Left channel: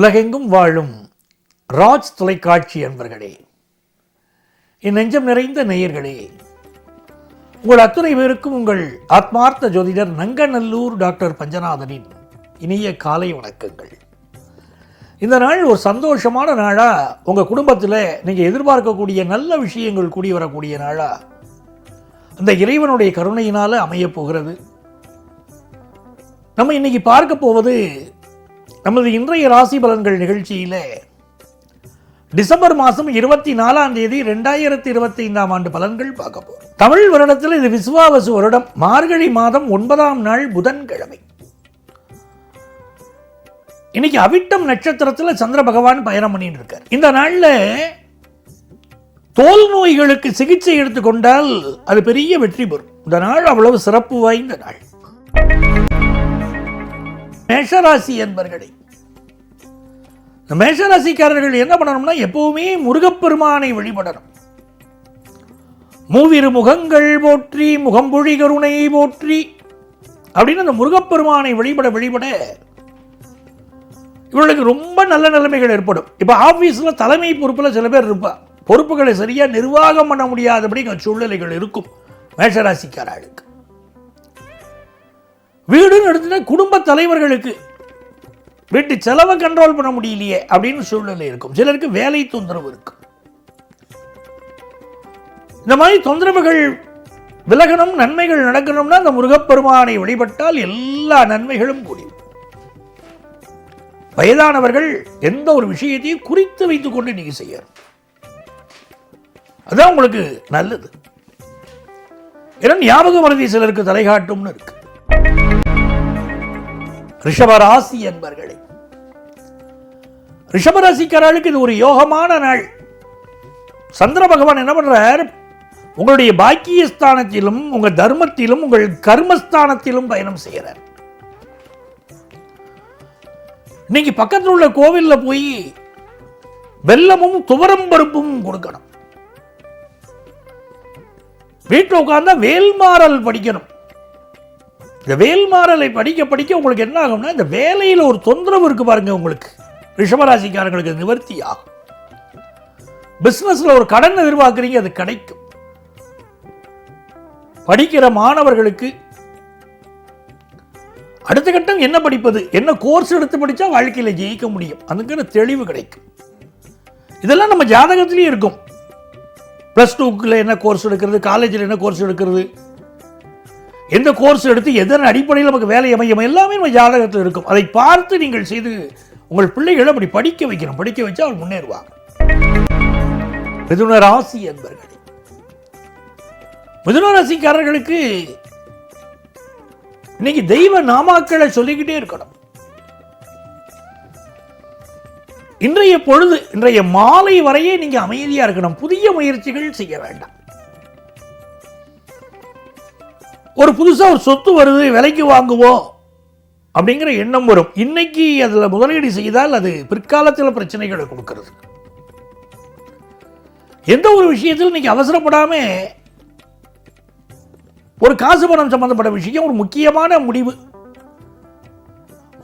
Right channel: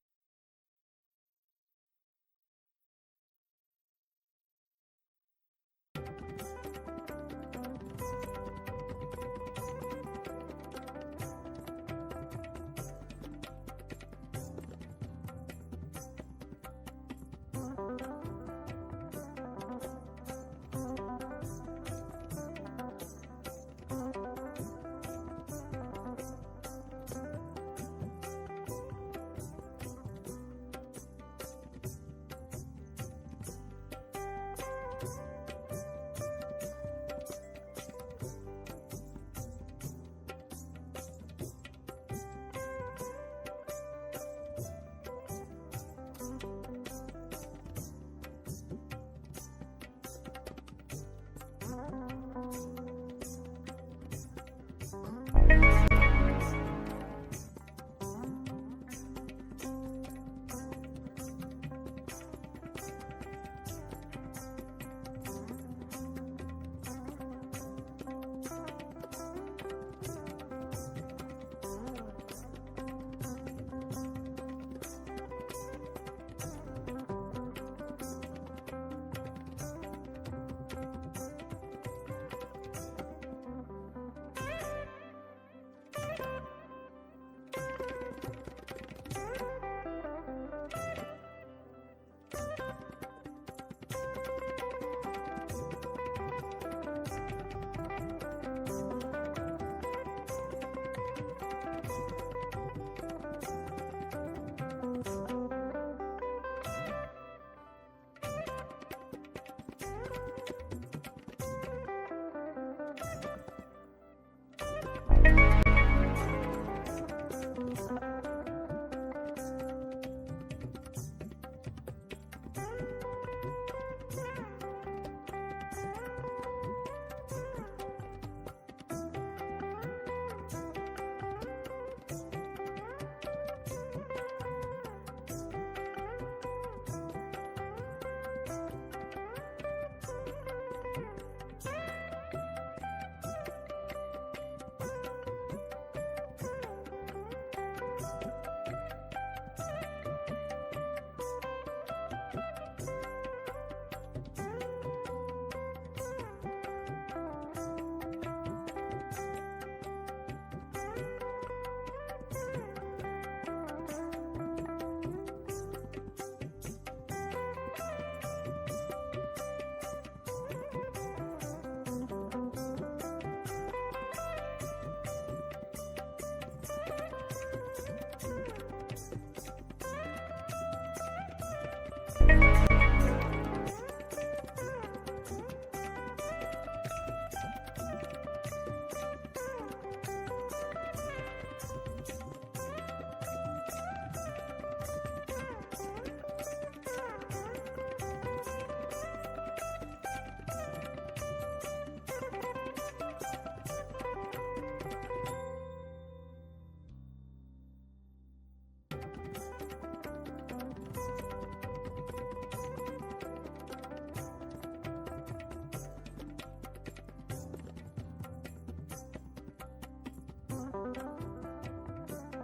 உலகெங்கும் வாழும் ராஜ் தொலைக்காட்சி அன்பர்களே, என் நெஞ்சம் நிறைந்த நேயர்களே, உங்கள் அத்துணை பேருக்கும் உங்கள் ஆத்மார்த்த ஜோதிடர் நங்கநல்லூர் டாக்டர் பஞ்சநாதனின் இனிய காலை வணக்கங்கள். இந்த நாள் ஒரு சந்தோஷமான நாளா, உங்க குடும்பத்தில் நீங்க எதிர்பார்க்கக்கூடிய நல்ல விஷயங்கள் கூடி வரக்கூடிய நாளா அந்த இறைவனுடைய கருணையினால அமைய போகிறது. நம்ம இன்னைக்கு பார்க்க போவது நமது இன்றைய ராசி பலன்கள் நிகழ்ச்சியில டிசம்பர் மாதம் 24ஆம் தேதி 2025ஆம் ஆண்டு பலன்கள் பார்க்க போறோம். தமிழ் வருடத்தில் இது விசுவாவசு வருடம், மார்கழி மாதம் 9ஆம் நாள் புதன்கிழமை. இன்னைக்கு அவிட்டம் நட்சத்திரத்தில் சந்திர பகவான் பயணம் பண்ணிட்டு இருக்கார். இந்த நாள்ல தோல் நோய்களுக்கு சிகிச்சை எடுத்துக்கொண்டால் அது பெரிய வெற்றி பெறும். இந்த நாள் அவ்வளவு சிறப்பு வாய்ந்த நாள். மேஷராசி என்பர்களே, மேஷராசிக்காரர்கள் என்ன பண்ணணும்னா, எப்பவுமே முருகப்பெருமானை வழிபடணும். மூவிரு முகங்கள் போற்றி முகம்பொழி கருணை போற்றி அப்படின்னு அந்த முருகப்பெருமானை வழிபட இவர்களுக்கு ரொம்ப நல்ல நிலைமைகள் ஏற்படும். இப்ப ஆபீஸ்ல தலைமை பொறுப்புல சில பேர் இருப்பா, பொறுப்புகளை சரியா நிர்வாகம் பண்ண முடியாதபடி சூழ்நிலைகள் இருக்கும் மேஷராசிக்காரர்களுக்கு. வீடுன்னு எடுத்துட்டா குடும்ப தலைவர்களுக்கு வீட்டு செலவை கண்ட்ரோல் பண்ண முடியலையே அப்படின்னு சூழ்நிலை இருக்கும். சிலருக்கு வேலை தொந்தரவு இருக்கும். இந்த மாதிரி தொந்தரவுகள் விலகணும், நன்மைகள் நடக்கணும்னா அந்த முருகப்பெருமானை வழிபட்டால் எல்லா நன்மைகளும் கூடும். வயதானவர்கள் எந்த ஒரு விஷயத்தையும் குறித்து வைத்துக் கொண்டு நீங்க செய்யணும், அதான் உங்களுக்கு நல்லது. ஏன்னா ஞாபக மறதி சிலருக்கு தலைகாட்டும்னு இருக்கு. ரிஷபராசி என்பர்களே, ரிஷபராசிக்காரர்களுக்கு இது ஒரு யோகமான நாள். சந்திர பகவான் என்ன பண்றார், உங்களுடைய பாக்கியஸ்தானத்திலும் உங்க தர்மத்திலும் உங்கள் கர்மஸ்தானத்திலும் பயணம் செய்யறார். இன்னைக்கு பக்கத்தில் உள்ள கோவில்ல போய் வெல்லமும் துவரம் பருப்பும் கொடுக்கணும். வீட்டில் உட்கார்ந்தா வேல்மாறல் படிக்கணும். இந்த வேல்மாறலை படிக்க உங்களுக்கு என்ன ஆகும்னா, இந்த வேலையில் ஒரு தொந்தரவு இருக்கு பாருங்க, உங்களுக்கு ரிஷபராசிக்காரங்களுக்கு நிவர்த்தி ஆகும். பிசினஸ்ல ஒரு கடன் எதிர்பார்க்கிறீங்க, அது கிடைக்கும். படிக்கிற மாணவர்களுக்கு அடுத்த கட்டம் என்ன படிப்பது, என்ன கோர்ஸ் எடுத்து படிச்சா வாழ்க்கையில ஜெயிக்க முடியும், அதுக்கு தெளிவு கிடைக்கும். இதெல்லாம் நம்ம ஜாதகத்திலேயே இருக்கும். +2 என்ன கோர்ஸ் எடுக்கிறது, காலேஜில் என்ன கோர்ஸ் எடுக்கிறது, எந்த கோர்ஸ் எடுத்து எதன் அடிப்படையில் நமக்கு வேலை அமையும், எல்லாமே நம்ம ஜாதகத்தில் இருக்கும். அதை பார்த்து நீங்கள் செய்து உங்கள் பிள்ளைகளை அப்படி படிக்க வைக்கணும். படிக்க வச்சா அவர் முன்னேறுவார். மிதுன ராசி என்பர்கள், மிதுன ராசிக்காரர்களுக்கு இன்னைக்கு தெய்வ நாமாக்களை சொல்லிக்கிட்டே இருக்கணும். இன்றைய பொழுது, இன்றைய மாலை வரையே நீங்க அமைதியா இருக்கணும். புதிய முயற்சிகள் செய்ய வேண்டாம். ஒரு புதுசா ஒரு சொத்து வருது, விலைக்கு வாங்குவோம் அப்படிங்கிற எண்ணம் வரும். இன்னைக்கு அதுல முதலீடு செய்தால் அது பிற்காலத்தில் பிரச்சனைகளை கொடுக்கிறது. எந்த ஒரு விஷயத்தில் இன்னைக்கு அவசரப்படாம ஒரு காசு பணம் சம்பந்தப்பட்ட விஷயம், ஒரு முக்கியமான முடிவு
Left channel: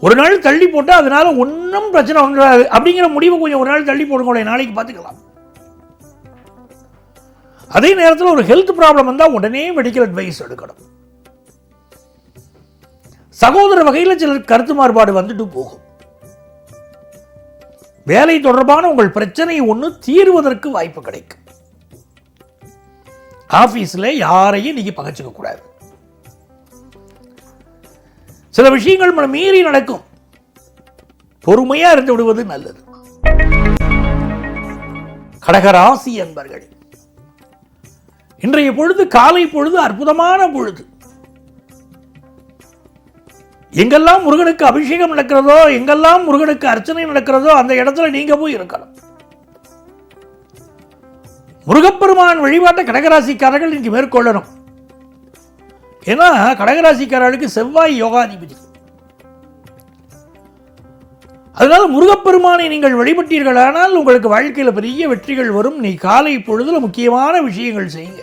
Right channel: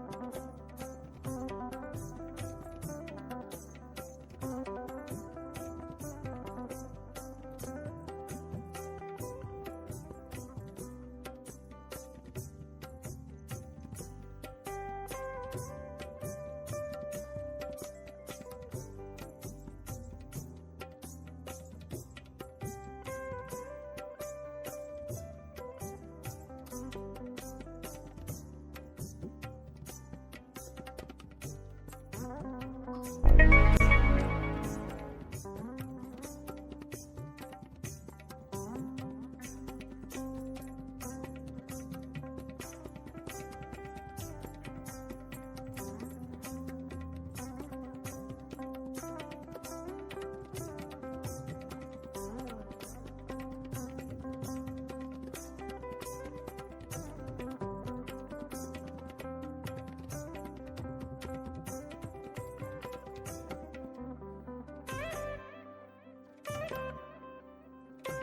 ஒரு நாள் தள்ளி போட்டா அதனால ஒன்றும் பிரச்சனை வந்துடாது அப்படிங்கிற முடிவு கொஞ்சம் ஒரு நாள் தள்ளி போடுங்க, நாளைக்கு பார்த்துக்கலாம். அதே நேரத்தில் ஒரு ஹெல்த் ப்ராப்ளம் வந்தா உடனே மெடிக்கல் அட்வைஸ் எடுக்கணும். சகோதர வகையில் சிலர் கருத்து மாறுபாடு வந்துட்டு போகும். வேலை தொடர்பான உங்கள் பிரச்சனை ஒன்று தீர்வதற்கு வாய்ப்பு கிடைக்கும். ஆபீஸ்ல யாரையும் நீங்க பகைச்சுக்க கூடாது. சில விஷயங்கள் நம்ம மீறி நடக்கும், பொறுமையா இருந்து விடுவது நல்லது. கடகராசி என்பர்கள், இன்றைய பொழுது காலை பொழுது அற்புதமான பொழுது. எங்கெல்லாம் முருகனுக்கு அபிஷேகம் நடக்கிறதோ, எங்கெல்லாம் முருகனுக்கு அர்ச்சனை நடக்கிறதோ அந்த இடத்துல நீங்க போய் இருக்கணும். முருகப்பெருமான் வழிபாட்டை கடகராசிக்காரர்கள் இன்னைக்கு மேற்கொள்ளணும். ஏன்னா கடகராசிக்காரர்களுக்கு செவ்வாய் யோகாதிபதி. அதனால முருகப்பெருமானை நீங்கள் வழிபட்டீர்களானால் உங்களுக்கு வாழ்க்கையில பெரிய வெற்றிகள் வரும். நீ காலை பொழுதுல முக்கியமான விஷயங்கள் செய்யுங்க.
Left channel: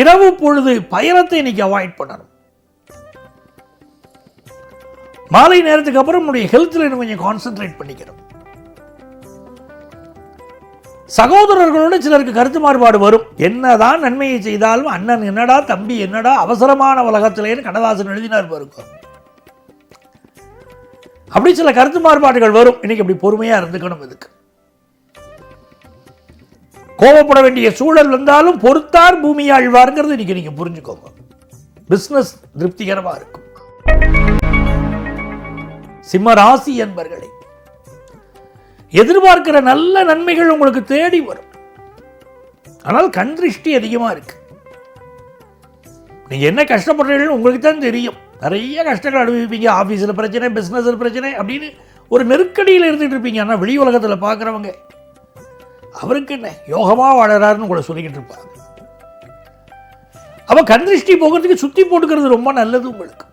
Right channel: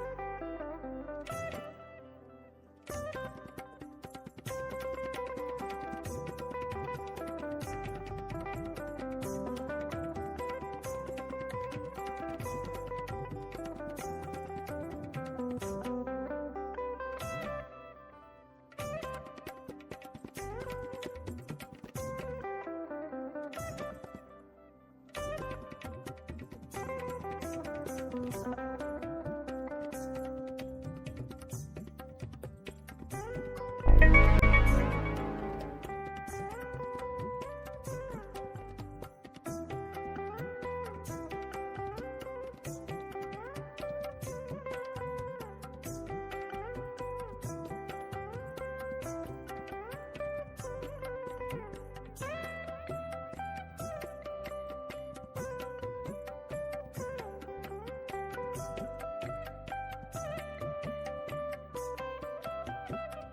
இரவு பொழுது பயணத்தை இன்னைக்கு அவாய்ட் பண்ணணும். மாலை நேரத்துக்கு அப்புறம் உங்களுடைய ஹெல்த்ல இன்னும் கொஞ்சம் கான்சென்ட்ரேட் பண்ணிக்கிறோம். சகோதரர்களோடு சிலருக்கு கருத்து மாறுபாடு வரும். என்னதான் நன்மையை செய்தாலும் அண்ணன் என்னடா, தம்பி என்னடா, அவசரமான உலகத்திலேன்னு கண்ணதாசன் எழுதினார் பாருங்க. அப்படி சில கருத்து மாறுபாடுகள் வரும். இன்னைக்கு அப்படி பொறுமையா இருந்துக்கணும். இதுக்கு கோபப்பட வேண்டிய சூழல் வந்தாலும் பொறுத்தார் பூமி ஆழ்வார்ங்கிறது இன்னைக்கு நீங்க புரிஞ்சுக்கோங்க. பிசினஸ் திருப்திகரமா இருக்கும். சிம்ம ராசி என்பர்களே, எதிர்பார்க்கிற நல்ல நன்மைகள் உங்களுக்கு தேடி வரும். ஆனால் கண் திருஷ்டி அதிகமா இருக்கு. நீங்க என்ன கஷ்டப்படுறீர்கள் உங்களுக்கு தான் தெரியும். நிறைய கஷ்டங்கள் அனுபவிப்பீங்க. ஆபீஸ்ல பிரச்சனை, பிசினஸ்ல பிரச்சனை அப்படின்னு ஒரு நெருக்கடியில் இருந்துட்டு இருப்பீங்க. ஆனா வெளி உலகத்துல பாக்குறவங்க அவருக்கு என்ன யோகமா வாழறாருன்னு உங்களை சொல்லிக்கிட்டு இருப்பாங்க. அவ கண் திருஷ்டி போகிறதுக்கு சுத்தி போட்டுக்கிறது ரொம்ப நல்லது. உங்களுக்கு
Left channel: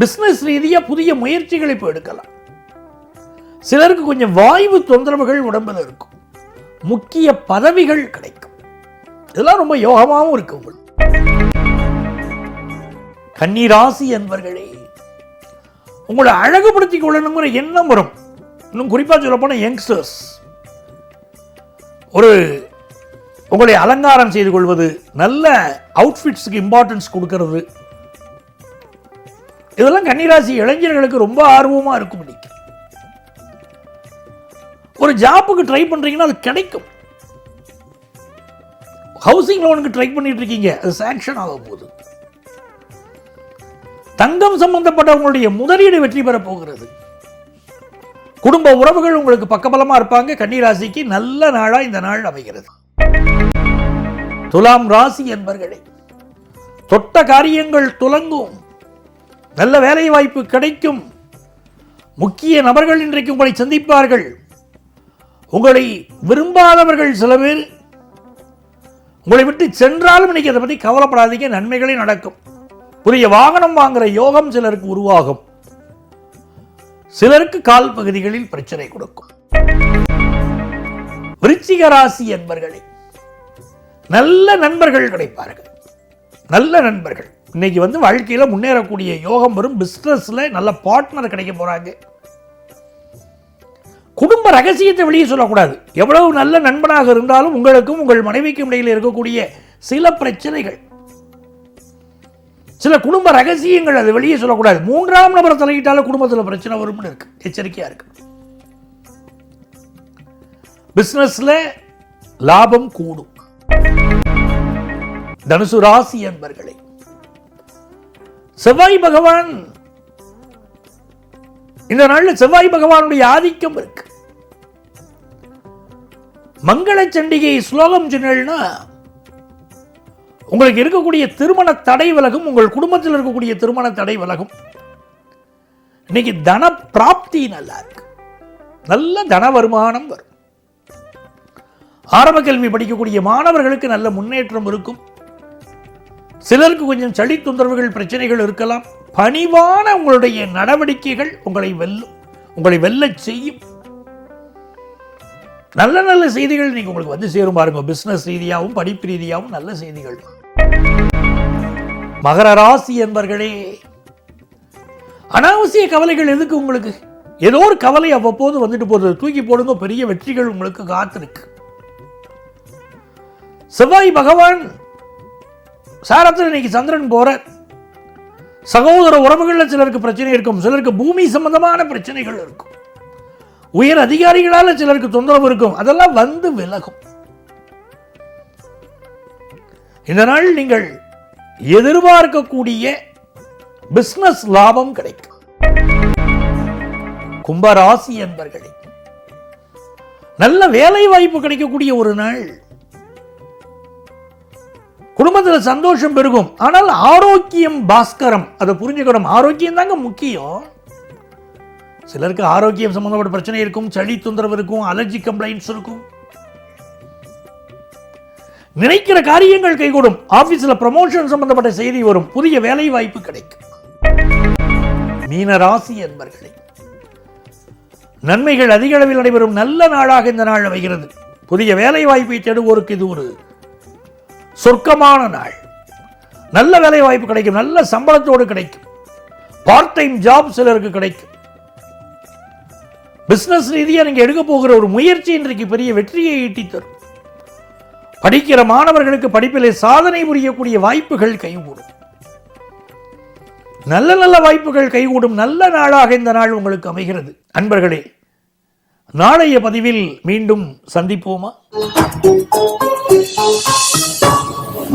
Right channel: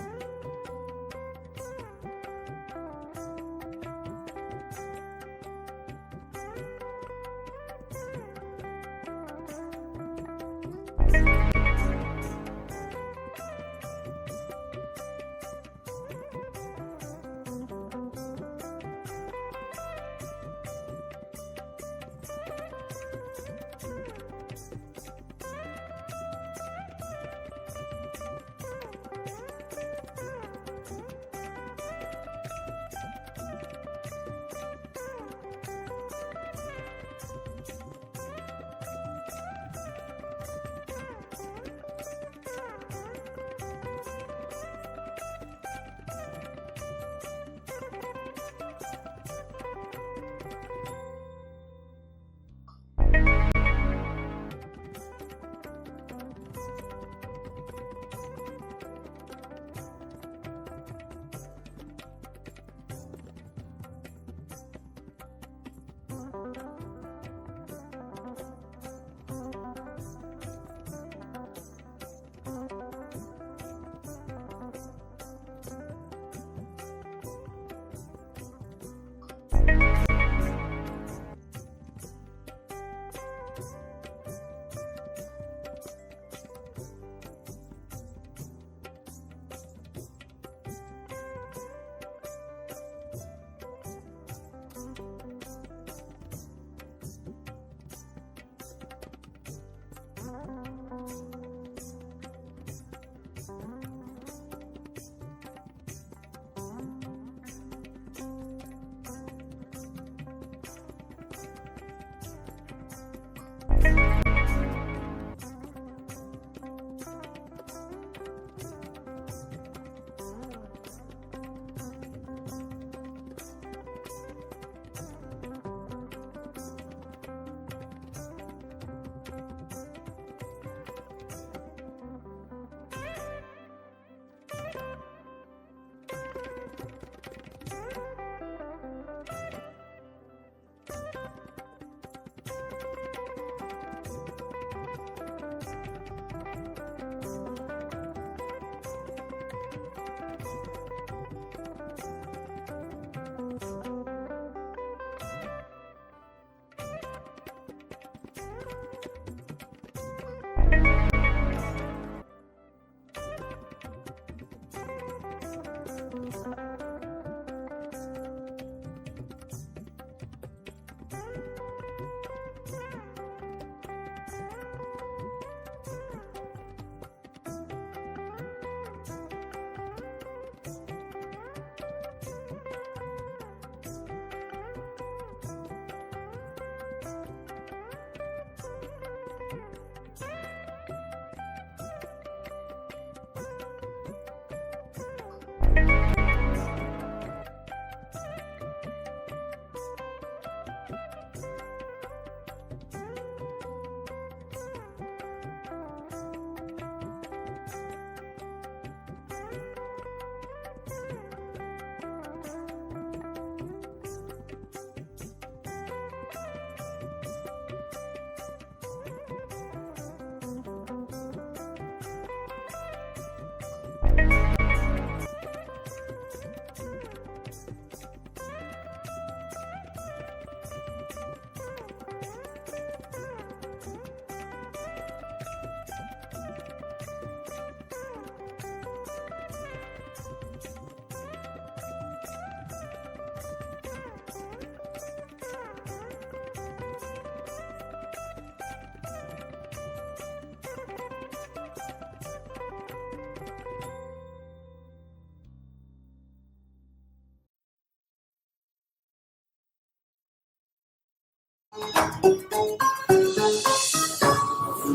பிசினஸ் ரீதியா புதிய முயற்சிகளை இப்போ எடுக்கலாம். சிலருக்கு கொஞ்சம் வாய்வு தொந்தரவுகள் உடம்புல இருக்கும். முக்கிய பதவிகள் கிடைக்கும். இதெல்லாம் ரொம்ப யோகமாகவும் இருக்கு உங்களுக்கு. கன்னிராசி என்பர்களே, உங்களை அழகுபடுத்திக் கொள்ளணுங்கிற எண்ணம் வரும். இன்னும் குறிப்பா சொல்ல போன யங்ஸ்டர்ஸ் ஒரு உங்களை அலங்காரம் செய்து கொள்வது, நல்ல அவுட்ஃபிட்ஸ்க்கு இம்பார்ட்டன்ஸ் கொடுக்கிறது, இதெல்லாம் கன்னிராசி இளைஞர்களுக்கு ரொம்ப ஆர்வமா இருக்கும். ஒரு ஜாப்புக்கு ட்ரை பண்றீங்கன்னா அது கிடைக்கும். ஹவுசிங் லோனுக்கு ட்ரை பண்ணிட்டு இருக்கீங்க, அது சாங்ஷன் ஆக போகுது. தங்கம் சம்பந்தப்பட்ட உங்களுடைய முதலீடு வெற்றி பெற போகிறது. குடும்ப உறவுகள் உங்களுக்கு பக்கபலமா இருப்பாங்க. கன்னிராசிக்கு நல்ல நாளா இந்த நாள் அமைகிறது. துலாம் ராசி என்பர்களே, தொட்ட காரியங்கள் துலங்கும். நல்ல வேலை வாய்ப்பு கிடைக்கும். முக்கிய நபர்கள் இன்றைக்கு உங்களை சந்திப்பார்கள். உங்களை விரும்பாதவர்கள் சில பேர் உங்களை விட்டு சென்றாலும் இன்னைக்கு அதை பற்றி கவலைப்படாதீங்க. நன்மைகளே நடக்கும். புதிய வாகனம் வாங்குற யோகம் சிலருக்கு உருவாகும். சிலருக்கு கால் பகுதிகளில் பிரச்சனை கொடுக்கும். விருச்சிக ராசி என்பர்களே, நல்ல நண்பர்கள் கிடைப்பார்கள். நல்ல நண்பர்கள் இன்னைக்கு வாழ்க்கையில முன்னேறக்கூடிய யோகம் வரும். பிசினஸ்ல நல்ல பார்ட்னர் கிடைக்க போறாங்க. குடும்ப ரகசியத்தை வெளியே சொல்லக்கூடாது. எவ்வளவு நல்ல நண்பனாக இருந்தாலும் உங்களுக்கும் உங்கள் மனைவிக்கும் இடையில் இருக்கக்கூடிய சில பிரச்சனைகள், சில குடும்ப ரகசியங்கள், அது வெளியே சொல்லக்கூடாது. மூன்றாம் நபர் தலையிட்டாலும் குடும்பத்தில் பிரச்சனை வரும்னு இருக்கு. எச்சரிக்கையா இருக்கு. பிசினஸ்ல லாபம் கூடும். தனுசு ராசி என்பர்களே, செவ்வாய் பகவான் இந்த நாள்ல செவ்வாய் பகவானுடைய ஆதிக்கம் இருக்கு. மங்கள சண்டிகை ஸ்லோகம் சொன்னா உங்களுக்கு இருக்கக்கூடிய திருமண தடை விலகும். உங்கள் குடும்பத்தில் இருக்கக்கூடிய திருமண தடை விலகும். இன்னைக்கு தன பிராப்தி நல்லா இருக்கு. நல்ல தன வருமானம் வரும். ஆரம்ப கல்வி படிக்கக்கூடிய மாணவர்களுக்கு நல்ல முன்னேற்றம் இருக்கும். சிலருக்கு கொஞ்சம் சளி தொந்தரவுகள், பிரச்சனைகள் இருக்கலாம். பணிவான உங்களுடைய நடவடிக்கைகள் உங்களை வெல்ல செய்யும். நல்ல நல்ல செய்திகள் நீங்க உங்களுக்கு சேரும் பாருங்க. பிசினஸ் ரீதியாகவும் படிப்பு ரீதியாகவும் நல்ல செய்திகள். மகர ராசி என்பர்களே, அனாவசிய கவலைகள் எதுக்கு உங்களுக்கு? ஏதோ ஒரு கவலை அவ்வப்போது வந்துட்டு போறது, தூக்கி போடுங்க. பெரிய வெற்றிகள் உங்களுக்கு காத்திருக்கு. செவ்வாய் பகவான் சாரத்தில் இன்னைக்கு சந்திரன் போற. சகோதர உறவுகள்ல சிலருக்கு பிரச்சனை இருக்கும். சிலருக்கு பூமி சம்பந்தமான பிரச்சனைகள் இருக்கும். உயர் அதிகாரிகளால சிலருக்கு தொந்தரவு இருக்கும். அதெல்லாம் விலகும். இந்த நாள் நீங்கள் எதிர்பார்க்கக்கூடிய பிசினஸ் லாபம் கிடைக்கும். கும்பராசி என்பர்களே, நல்ல வேலை வாய்ப்பு கிடைக்கக்கூடிய ஒரு நாள். குடும்பத்தில் சந்தோஷம் பெருகும். ஆனால் ஆரோக்கியம் பாஸ்கரம், அதை புரிஞ்சுக்கணும். ஆரோக்கியம் தாங்க முக்கியம். சிலருக்கு ஆரோக்கியம் சம்பந்தப்பட்ட பிரச்சனை இருக்கும். சளி தொந்தரவு இருக்கும். அலர்ஜி கம்ப்ளைண்ட்ஸ் இருக்கும். நினைக்கிற காரியங்கள் கைகூடும். ஆபீஸ்ல ப்ரமோஷன் சம்பந்தப்பட்ட செய்தி வரும். புதிய வேலை வாய்ப்பு கிடைக்கும். மீன ராசி என்பர்களே, நன்மைகள் அதிக அளவில் நடைபெறும் நல்ல நாளாக இந்த நாள் அமைகிறது. புதிய வேலை வாய்ப்பை தேடுவோருக்கு இது ஒரு சொர்க்கமான நாள். நல்ல வேலை வாய்ப்பு கிடைக்கும். நல்ல சம்பளத்தோடு கிடைக்கும். பார்ட் டைம் ஜாப் சிலருக்கு கிடைக்கும். பிசினஸ் ரீதியா நீங்க எடுக்க போகிற ஒரு முயற்சி இன்றைக்கு பெரிய வெற்றியை ஈட்டி தரும். படிக்கிற மாணவர்களுக்கு படிப்பிலே சாதனை புரியக்கூடிய வாய்ப்புகள் கைகூடும். நல்ல நல்ல வாய்ப்புகள் கைகூடும் நல்ல நாளாக இந்த நாள் உங்களுக்கு அமைகிறது. அன்பர்களே, நாளைய பதிவில் மீண்டும் சந்திப்போமா?